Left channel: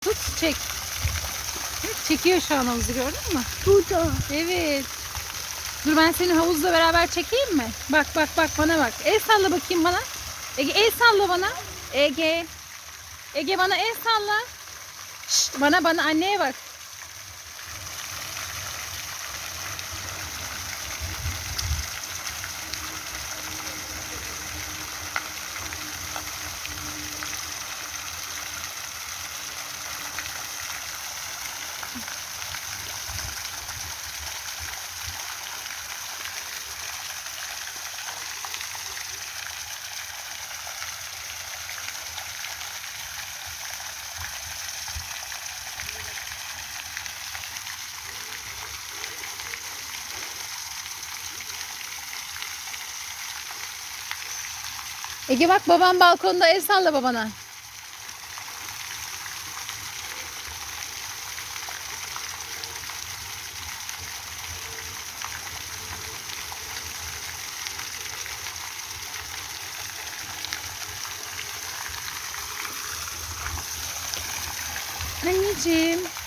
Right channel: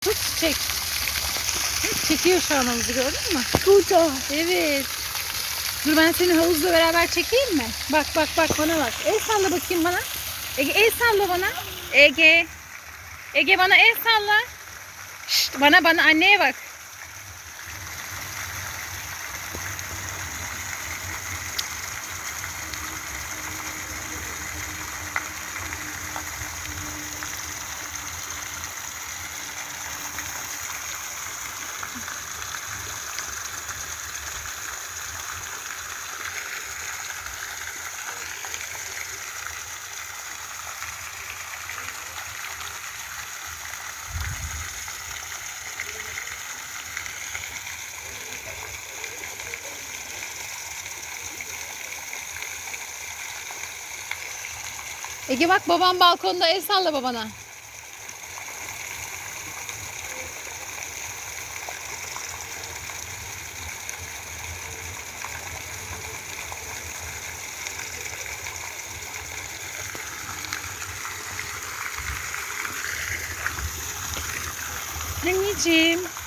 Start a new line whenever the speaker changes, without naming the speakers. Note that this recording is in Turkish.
Tut çek. Çekiyor havuzu gördün mü?
Burada.
Evet. Dur ben seni havuzla beraber çekeyim mi? Bak bak bak bana bak. El salla bakayım bana. Ege el salla bana. Ege. Ege bana el salla. Şşt, bana bana anneye bak. Ege bak babam balkonda el salla babana. Anneciğim.